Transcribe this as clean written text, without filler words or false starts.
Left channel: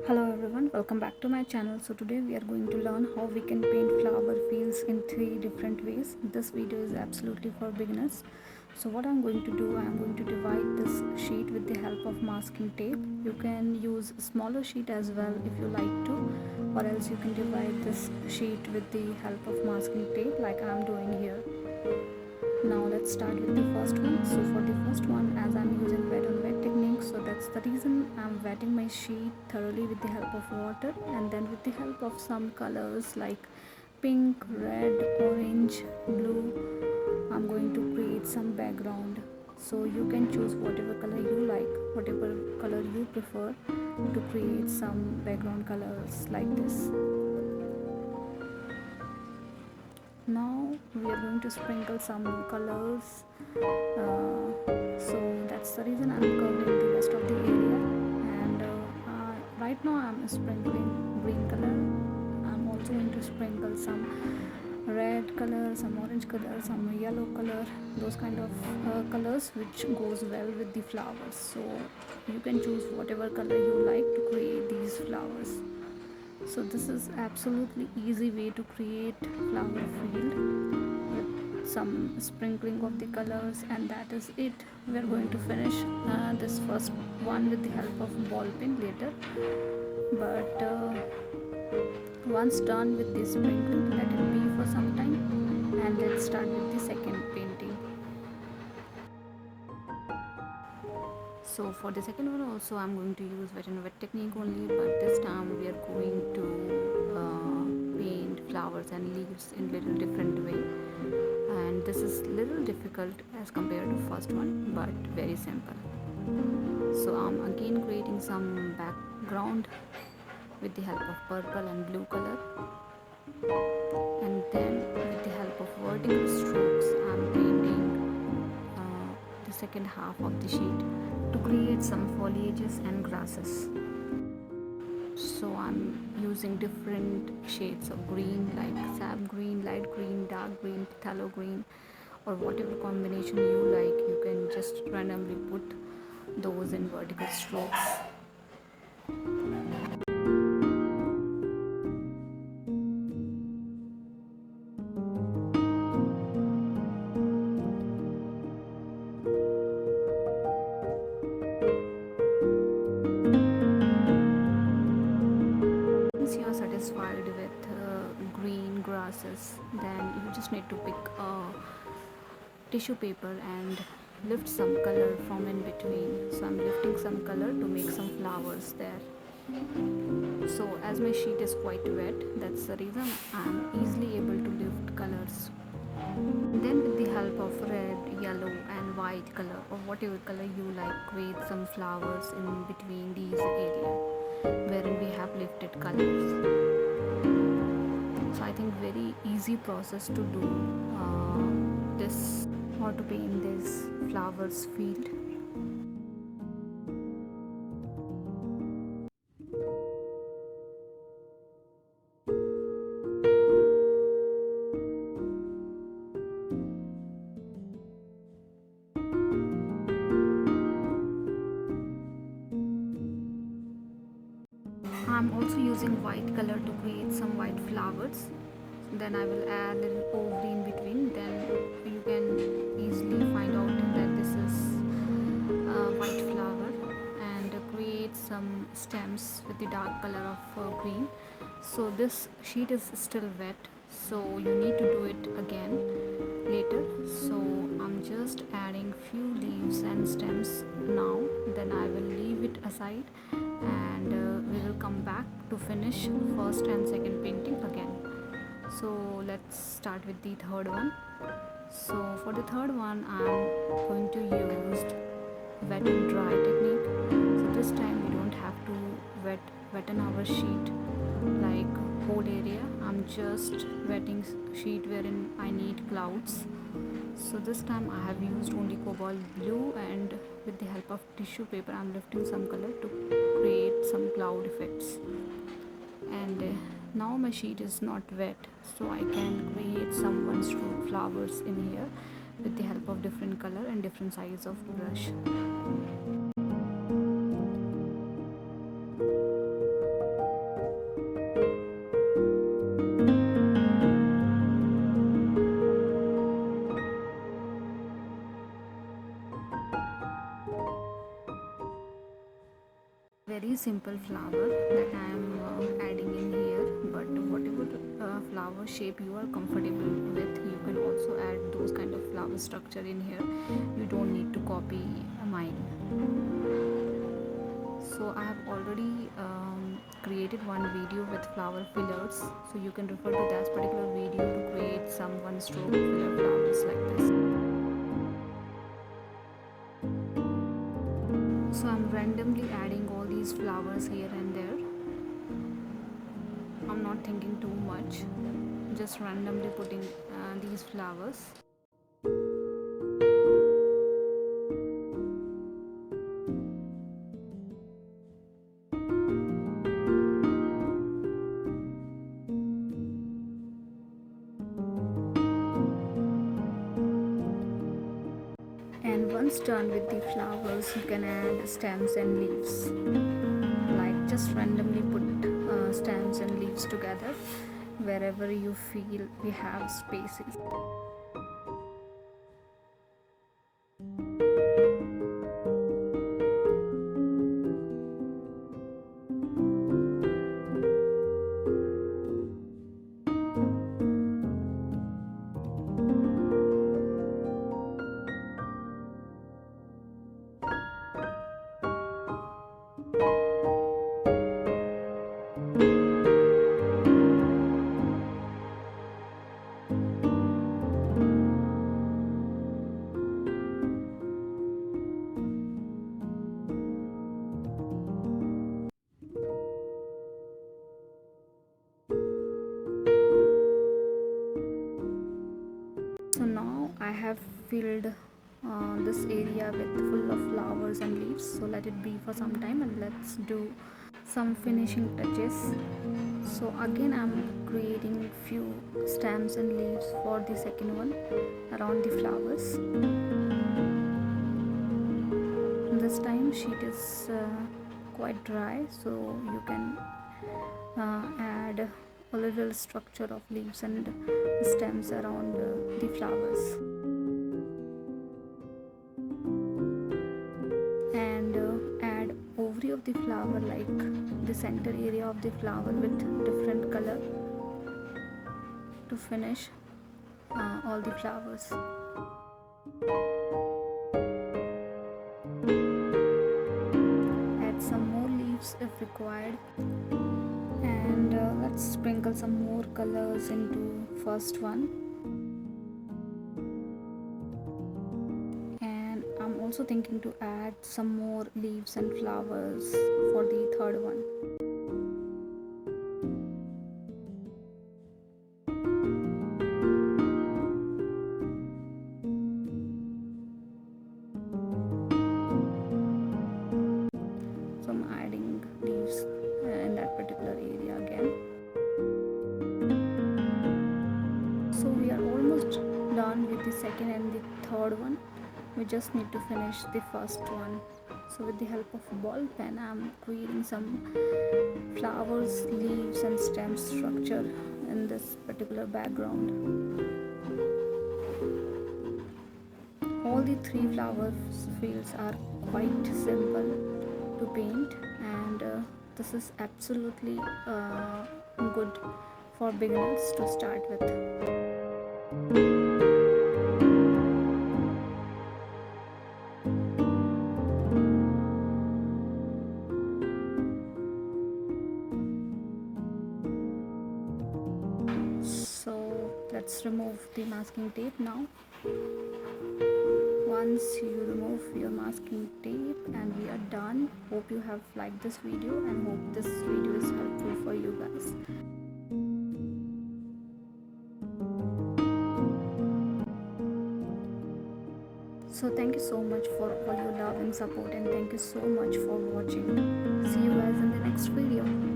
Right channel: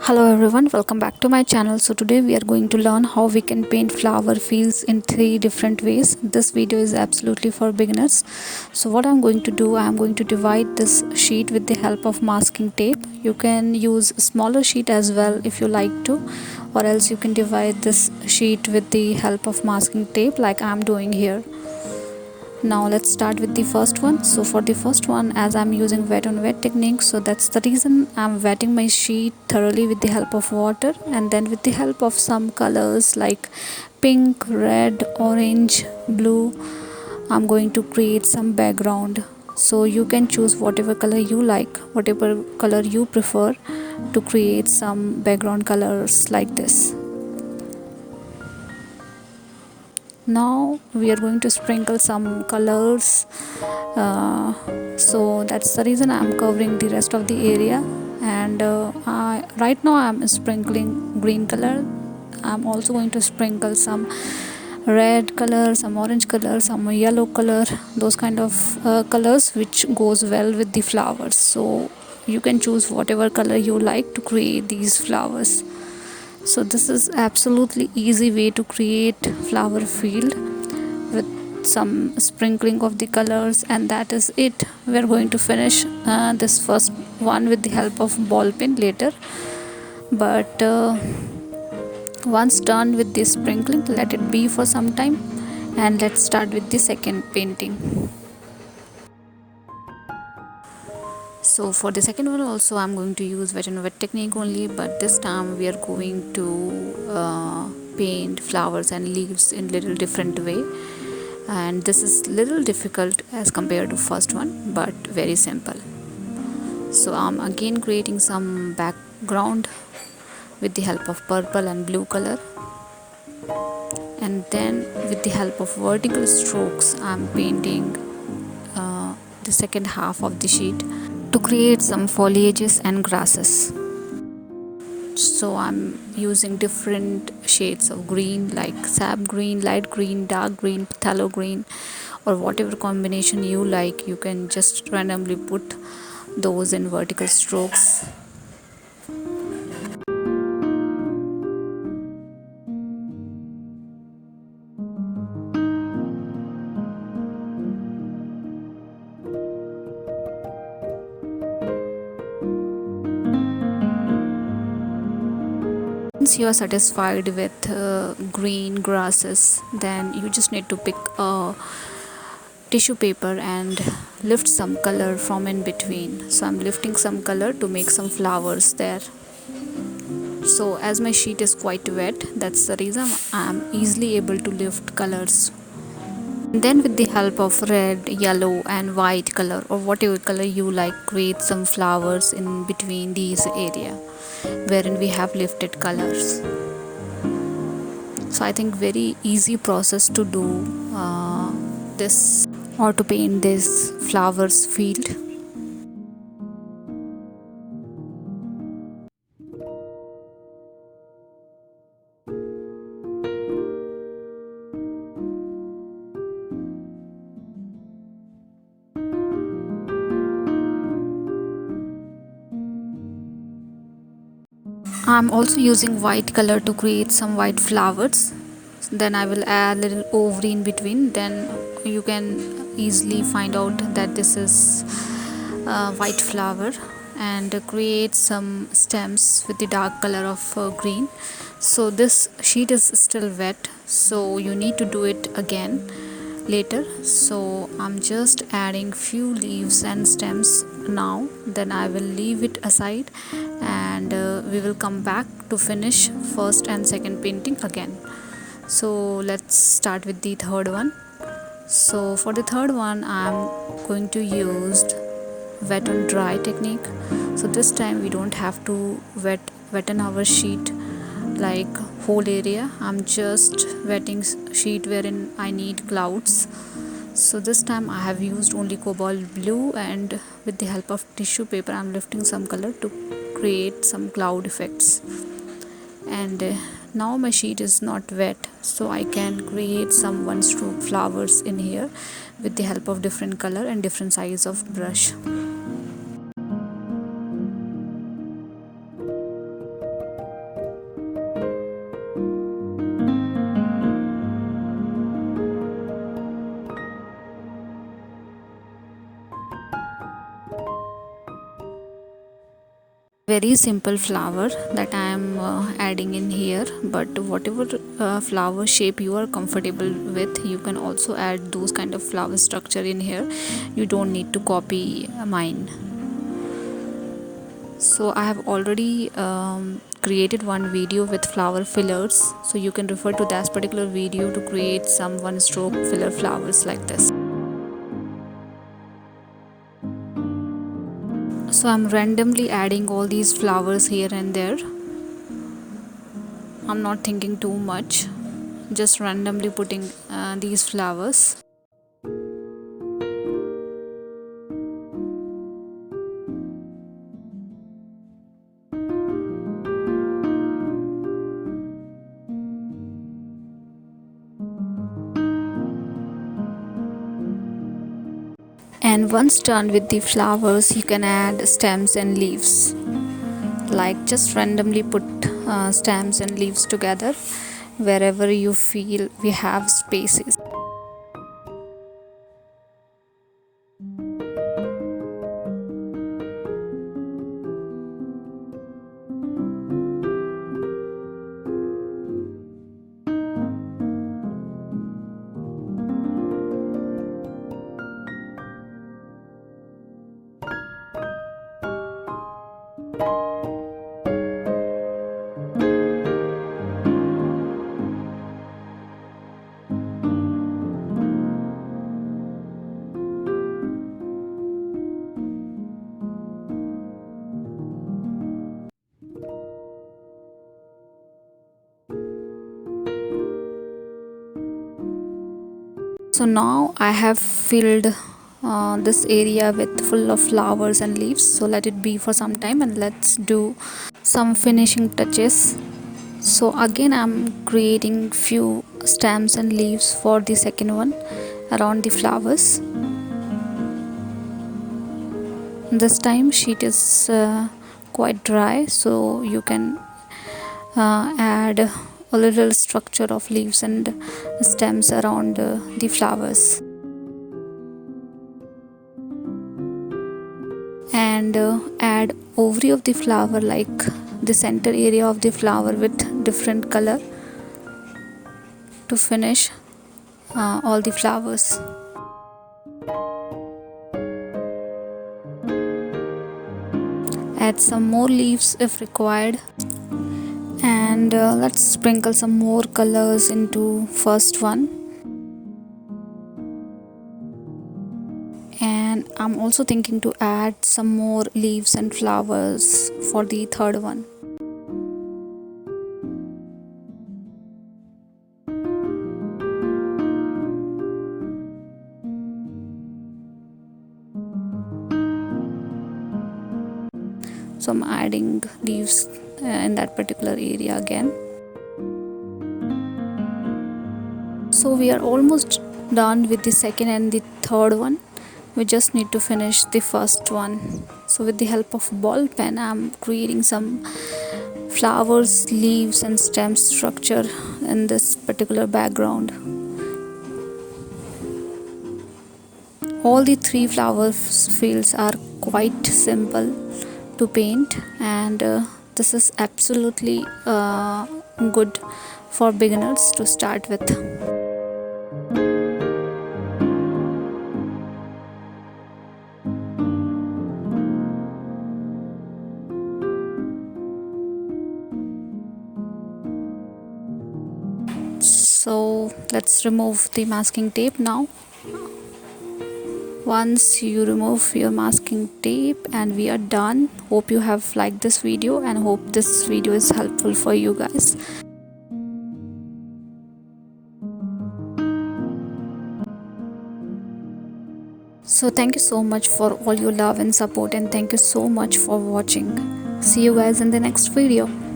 Hello everyone, welcome back to my channel. So today we are going to learn how we can paint flower fields in 3 different ways. This video is absolutely for beginners. So what I'm going to do, I'm going to divide this sheet with the help of masking tape. You can use a smaller sheet as well if you like to, or else you can divide this sheet with the help of masking tape like I'm doing here. Now let's start with the first one. So for the first one, as I'm using wet on wet technique, so that's the reason I'm wetting my sheet thoroughly with the help of water, and then with the help of some colors like pink, red, orange, blue, I'm going to create some background. So you can choose whatever color you like, whatever color you prefer to create some background colors like this. Now we are going to sprinkle some colors, so that's the reason I'm covering the rest of the area. And right now I'm sprinkling green color. I'm also going to sprinkle some red color, some orange color, some yellow color, those kind of colors which goes well with the flowers. So you can choose whatever color you like to create these flowers. So this is absolutely easy way to create flower field with some sprinkling of the colors, and that is it. We are going to finish this first one with the help of ball pen later, but once done with this sprinkling, let it be for some time and let's start with the second painting. So for the second one also I'm going to use wet and wet technique only, but this time we are going to paint flowers and leaves in little different way, and this is little difficult as compared to first one but very simple. So I'm again creating some background with the help of purple and blue color, and then with the help of vertical strokes I'm painting the second half of the sheet to create some foliages and grasses. So I'm using different shades of green like sap green, light green, dark green, phthalo green, or whatever combination you like. You can just randomly put those in vertical strokes. Once you are satisfied with green grasses, then you just need to pick a tissue paper and lift some color from in between. So I'm lifting some color to make some flowers there. So as my sheet is quite wet, that's the reason I'm easily able to lift colors. Then with the help of red, yellow and white color, or whatever color you like, create some flowers in between these area wherein we have lifted colors. So I think very easy process to do this or to paint this flowers field. I'm also using white color to create some white flowers. Then I will add a little ovary in between. Then you can easily find out that this is a white flower, and create some stems with the dark color of green. So this sheet is still wet, so you need to do it again later. So I'm just adding few leaves and stems now, then I will leave it aside, and we will come back to finish first and second painting again. So let's start with the third one. So for the third one I'm going to use wet on dry technique. So this time we don't have to wetten our sheet like whole area. I'm just wetting sheet wherein I need clouds. So this time I have used only cobalt blue, and with the help of tissue paper I'm lifting some color to create some cloud effects. And now my sheet is not wet, so I can create some one stroke flowers in here with the help of different color and different size of brush. very simple flower that I am adding in here, but whatever flower shape you are comfortable with, you can also add those kind of flower structure in here. You don't need to copy mine. So I have already created one video with flower fillers, so you can refer to that particular video to create some one stroke filler flowers like this. So I'm randomly adding all these flowers here and there. I'm not thinking too much, just randomly putting these flowers. And once done with the flowers, you can add stems and leaves. Like just randomly put stems and leaves together wherever you feel we have spaces. So now I have filled this area with full of flowers and leaves, so let it be for some time and let's do some finishing touches. So again I'm creating few stems and leaves for the second one around the flowers. This time sheet is quite dry, so you can add a little structure of leaves and stems around the flowers, and add ovary of the flower, like the center area of the flower with different color to finish all the flowers. Add some more leaves if required, and let's sprinkle some more colors into first one. And I'm also thinking to add some more leaves and flowers for the third one. So I'm adding leaves in that particular area again. So we are almost done with the second and the third one. We just need to finish the first one. So with the help of ball pen, I'm creating some flowers, leaves and stem structure in this particular background. All the three flower fields are quite simple to paint, and this is absolutely good for beginners to start with. So let's remove the masking tape now. Once you remove your masking tape and we are done. Hope you have liked this video and hope this video is helpful for you guys. So thank you so much for all your love and support, and thank you so much for watching. See you guys in the next video.